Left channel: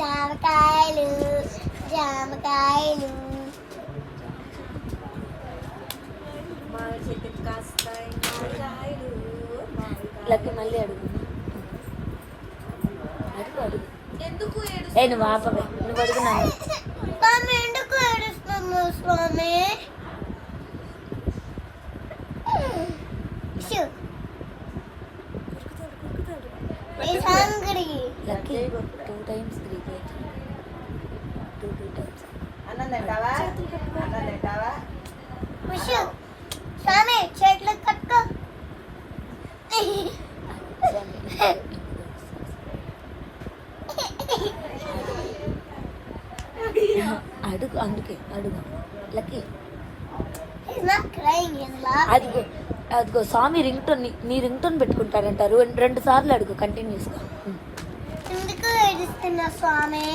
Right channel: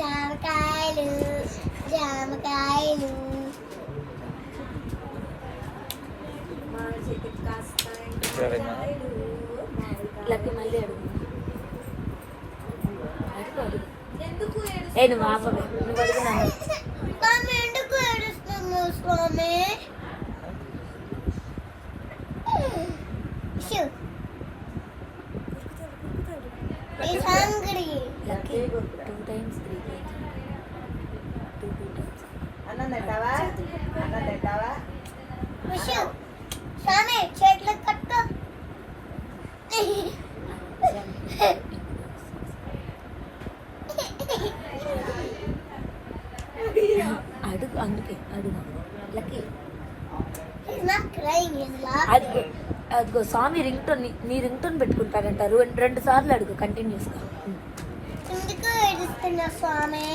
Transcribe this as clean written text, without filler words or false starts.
జామకాయలు జామకాయలు మా చెట్టుకి కాస్తాయి మామిడికాయలు లక్కి మళ్ళీ అడుగు అడుగు ఎందుకు నువ్వు ఆపవే నువ్వు అడుగున్నాను స్వామి ఎందుకు ఏడుస్తున్నావు స్వామి He's hungry. Lucky 2 times 3 times 2 times అన్నం తింటావా అన్నం తింటావా Vishu, స్వామి చేతులు కట్టుకో అడుగు అందుకే అడుగు lucky He's not crying, he's laughing. అదిగో అదిగో స్వామి రింగ్ టోన్ నీ రింగ్ టోన్ పెట్టుకుంటారంటారు 2 సార్లు అడుగు కంటిన్యూస్గా ఎందుకు ఏడుస్తున్నా స్వామి